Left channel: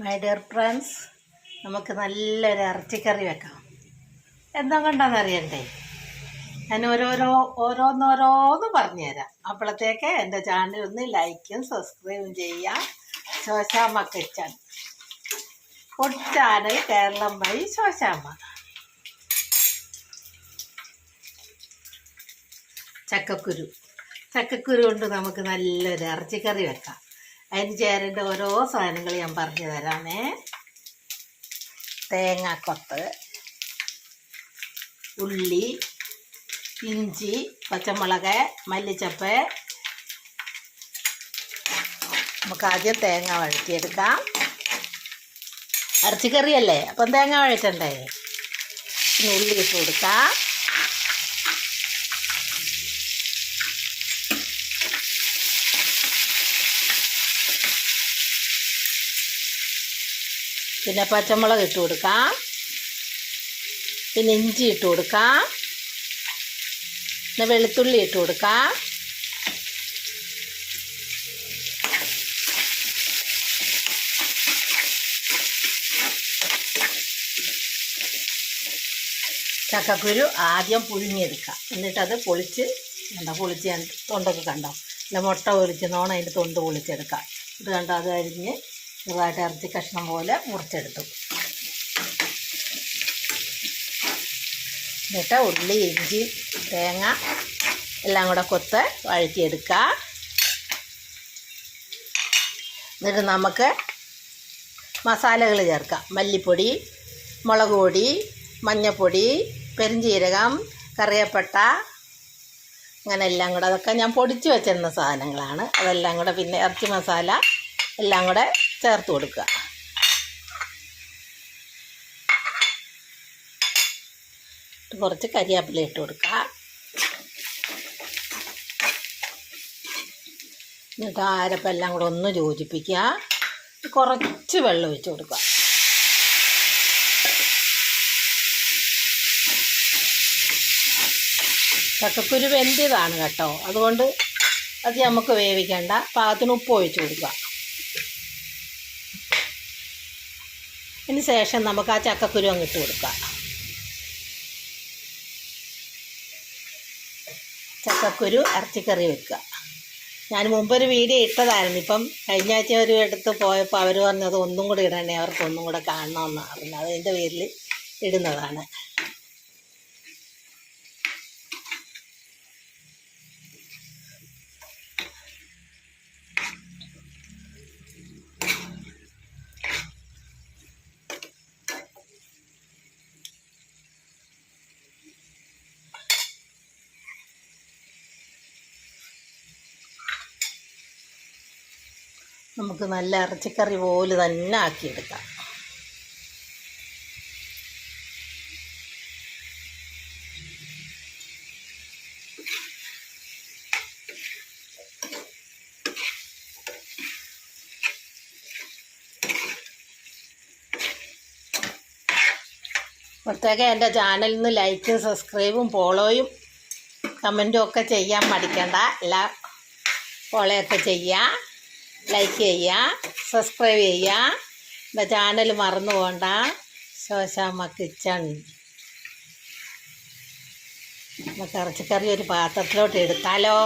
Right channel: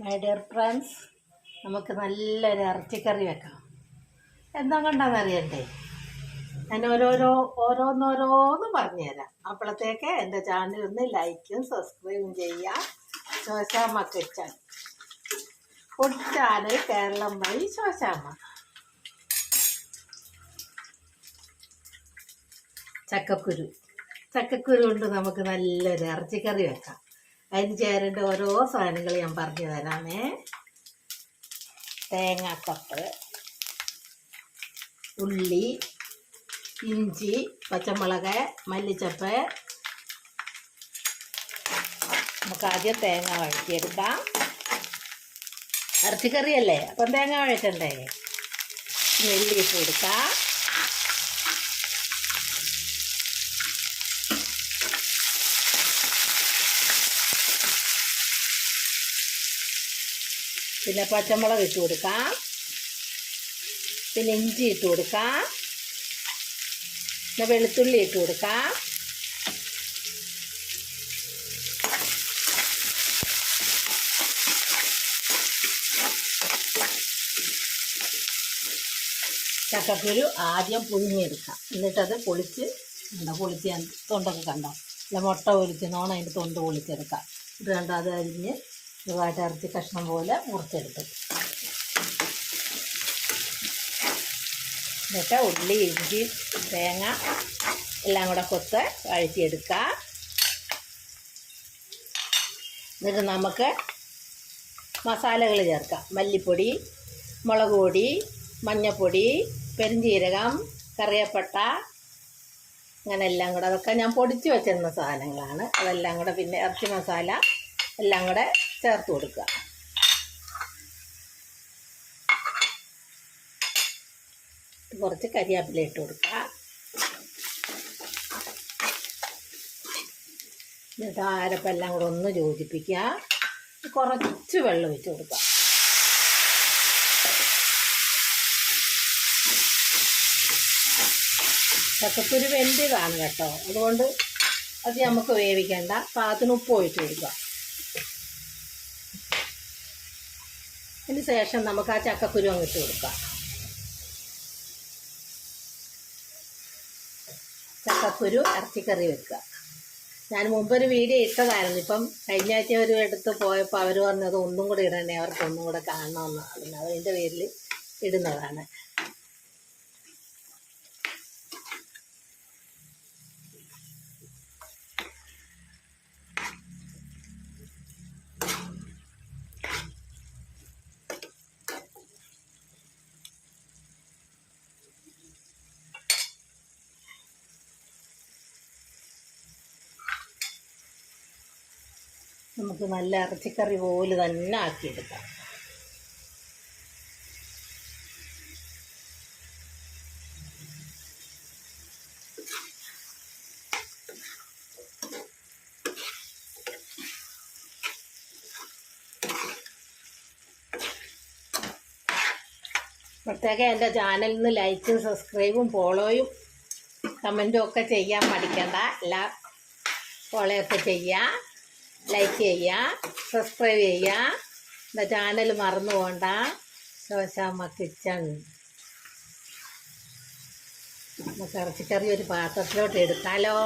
My dear friends നമുക്ക് നല്ലൊരു ഇറച്ചിക്കറി വെക്കാം. എന്താ കൊണ്ടാന്ന് അറിയണ്ടേ? ഞാൻ ഓരോരോ ഓരോന്നോരോന്ന് പറഞ്ഞുതരാം. അപ്പോഴത്തേക്ക് എന്റെ ചാനൽ ഒന്ന് ലൈക്കും സബ്സ്ക്രൈബും ചെയ്യാം Shoshamma kitchen. Food channel Keralam വഴി ശോശാമ്മ. ചക്കക്കുരു. ചക്കക്കുരു കൊണ്ട് നമുക്ക് നല്ലൊരു ഇറച്ചിക്കറി വെക്കാം. അതിന് ചേരേണ്ട ഓരോ സാധനങ്ങൾ ഞാൻ പറഞ്ഞു തരാമേ. തേങ്ങാക്കൊത്ത് ഉള്ളി ഇഞ്ചി പച്ചമുളക് മല്ലിച്ചപ്പ്. നമുക്ക് ആദ്യം തേങ്ങ വഴറ്റിയെടുക്കാം. ഇറച്ചിക്കറിയല്ലേ? അപ്പം തേങ്ങ വഴറ്റണ്ടേ? നെല്ലിട്ട് കൊടുക്കാം. പിന്നെ പച്ചമുളക് ഇട്ട് കൊടുക്കാം. പിന്നെ ഇഞ്ചി ഇട്ട് കൊടുക്കാം. പിന്നെ വെളുത്തുള്ളി ഇട്ട് കൊടുക്കാം. ചക്കക്കുരു ആദ്യം പുഴുങ്ങിയെടുക്കാം. എന്നിട്ടത് പൊളിച്ച് കണ്ടോ? പൊളിച്ച് ഞാൻ തൊണ്ടൊക്കെ കണ്ടോ? അല്ല മുട്ട പൊളിച്ച് നോണം അതിന്റെ തൊണ്ട് പൊളിച്ചെടുക്കാം. ഇത് കണ്ടോ? അത് അരിഞ്ഞ് ചെറുതായിട്ട് ഇറച്ചി കഷ്ണം പോലെ മുറിച്ചെടുത്തു. എന്നിട്ട് ഉള്ളി ഇഞ്ചി തേങ്ങ എല്ലാം കൂടെ കൊത്ത് വഴറ്റിയെടുക്കുക എന്നിട്ട് നമുക്ക് മസാലകൾ ചേർക്കാം. മല്ലിപ്പൊടി മുളക് പൊടി മഞ്ഞൾപ്പൊടി പെരിഞ്ചീരകം കറിയപ്പട്ട അങ്ങനെ എല്ലാം കൂടെ അതൊക്കെ ഞാൻ പൊടിച്ച് വെച്ചിരുന്ന സാധനങ്ങളാണ്. അതെല്ലാം കൂടെ പിന്നെ ഇറച്ചി മസാല എല്ലാം കൂടെ ചേർത്ത് കൊടുക്കുക. കുറച്ച് കരിയാപ്പില ഇട്ട് കൊടുക്കുക. എന്നിട്ട് ആരപ്പം എല്ലാം കൂടെ ഒന്ന് യോജിപ്പിക്കുക. കുറച്ച് വെള്ളം ഒഴിച്ച് കൊടുക്കുക. ചക്കക്കുരു വെന്തിയതാണ് കേട്ടോ. അതുകൊണ്ട് അത് നമുക്ക് വേവിക്കേണ്ട. പാകത്തിന് ഉപ്പ് ഒഴിച്ച് കൊടുക്കുക. അതിന് ശേഷം നമുക്ക് ആ ചക്കക്കുരു അങ്ങ് ഇട്ട് കൊടുക്കാം. ചക്കക്കുരു ഇറച്ചിക്കറി വെക്കുക. ഞാൻ മുമ്പൊരു വീഡിയോ ഇട്ടതായിരുന്നു. ഇപ്പം കഴിഞ്ഞ ആഴ്ച ഒരു എടുത്ത് പോയപ്പോൾ അവർ പറഞ്ഞത് ഒന്നും കൂടി ഇടണേ അവർക്ക് ഒന്നും കൂടെ കാണണമെന്നാണ്. പിന്നെ അതിന്റെ പേരിൽ ഇടുന്നതാണ്. നമുക്ക് നല്ല ഇറച്ചിക്കറി പോലെ തന്നെ ആക്കിയെടുക്കാം. പ്രത്യേകം എന്റെ ചാനലിൽ നിന്ന് ലൈക്കും സബ്സ്ക്രൈബും ഫോളോയും കമന്റും ഒക്കെ ചെയ്യാൻ മടിക്കണ്ട. എല്ലാ ഫോളോയൊക്കെ ചെയ്യുക ലൈക്ക് ചെയ്യുക സബ്സ്ക്രൈബ് ചെയ്യുക. എന്റെ ചാനൽ മറന്നു പോകണ്ട ശോശാമ്മ കിച്ചൺ നമുക്ക് ഇറച്ചിക്കറി ഒരു പാത്രത്തിലോട്ട് എടുത്താലോ?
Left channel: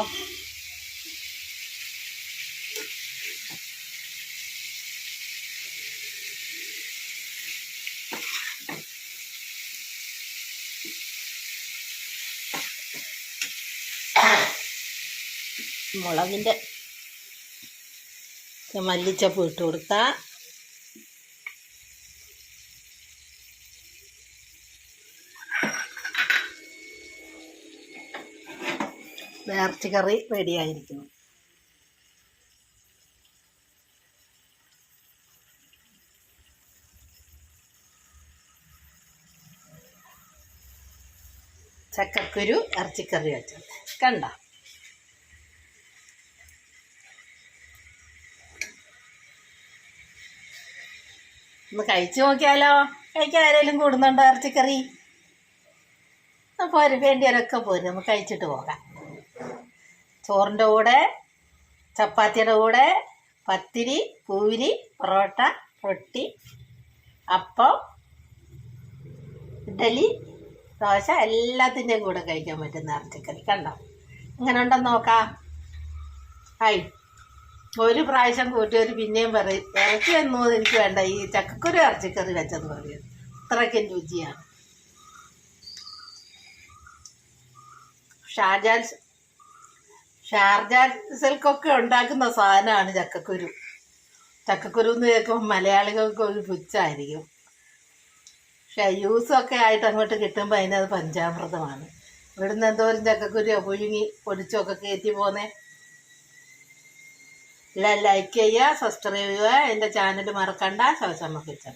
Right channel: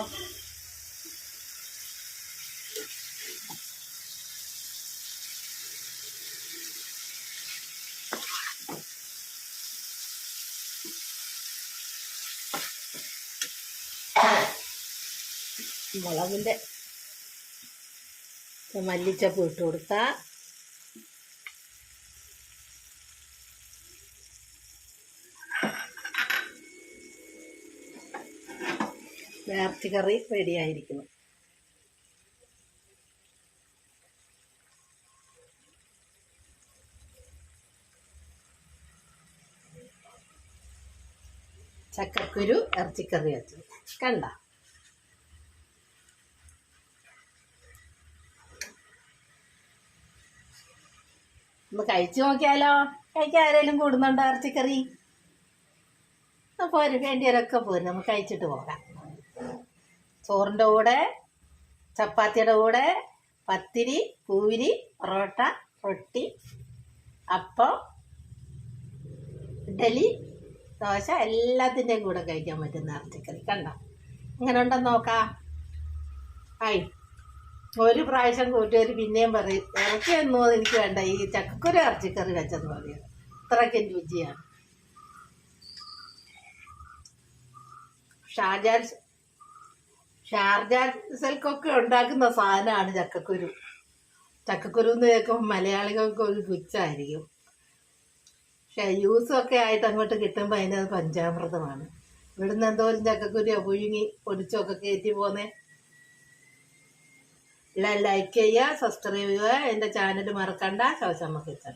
മുളകിന്റെ മല്ലിച്ചപ്പ് ഇട്ട് കൊടുക്കുക നേർച്ച കറി റെഡിയായിരിക്കുന്നു ചക്കക്കുരു ഇറച്ചിക്കറി വെച്ചത്. കണ്ടോ? ഒന്ന് കഴിച്ചു നോക്കിയാലോ? കഴിക്കാൻ ആരെങ്കിലും കൂടുന്നുണ്ടോ ഇറച്ചിക്കറി? പോര് വേണ്ടിയവരൊക്കെ പോരും. നമുക്ക് കഴിച്ചിട്ട് പോകാം. ചോറിന്റെ കൂടെ ചപ്പാത്തിയുടെ കൂടെ പത്തിരി പൂരി പൊറോട്ട റൊട്ടി അപ്പം ഇഡലി ദോശ എല്ലാത്തിന്റെയും കൂടെ കഴിക്കാൻ പറ്റുന്ന ഇറച്ചിക്കറി. കണ്ടോ? ഇങ്ങനെ ഉണ്ടെന്ന് നോക്കാം. ഹായ് ഒരു പ്രാവശ്യം കൂട്ടിയവർ പിന്നെയും പറയും ഇറച്ചി എന്നോ എനിക്ക് വേണ്ട ഈ ചക്കക്കുരു ഇറച്ചിക്കറി വെച്ചെന്ന് പറയും. അത്രയ്ക്കും രുചിയാണ്. ഷാർജാൽ ഷാർജാൽ സിൽക്കൊക്കെ ഉണ്ടാക്കുന്ന സാധനമാണ് ചക്കക്കുരു. ചക്കക്കുരു എന്ന് കേൾക്കുമ്പോൾ മലയാളികൾക്ക് ഒരു പുച്ഛമായിരിക്കും. പക്ഷെ യൂസൊക്കെ ആയിട്ട് അങ്ങോട്ട് കിട്ടുമ്പോൾ അതിനത് പഞ്ചാമൃതമാണ്. ഇവിടുന്ന് എന്തോരം ചക്കക്കുരു പുഴുങ്ങി പൊടിച്ചൊക്കെ കയറ്റി പോന്നേ. ലൈക്ക് ചെയ്യുക സബ്സ്ക്രൈബ് ചെയ്യുക എന്റെ ചാനൽ മറക്കണ്ട. ശോശമ്മ കിച്ചൺ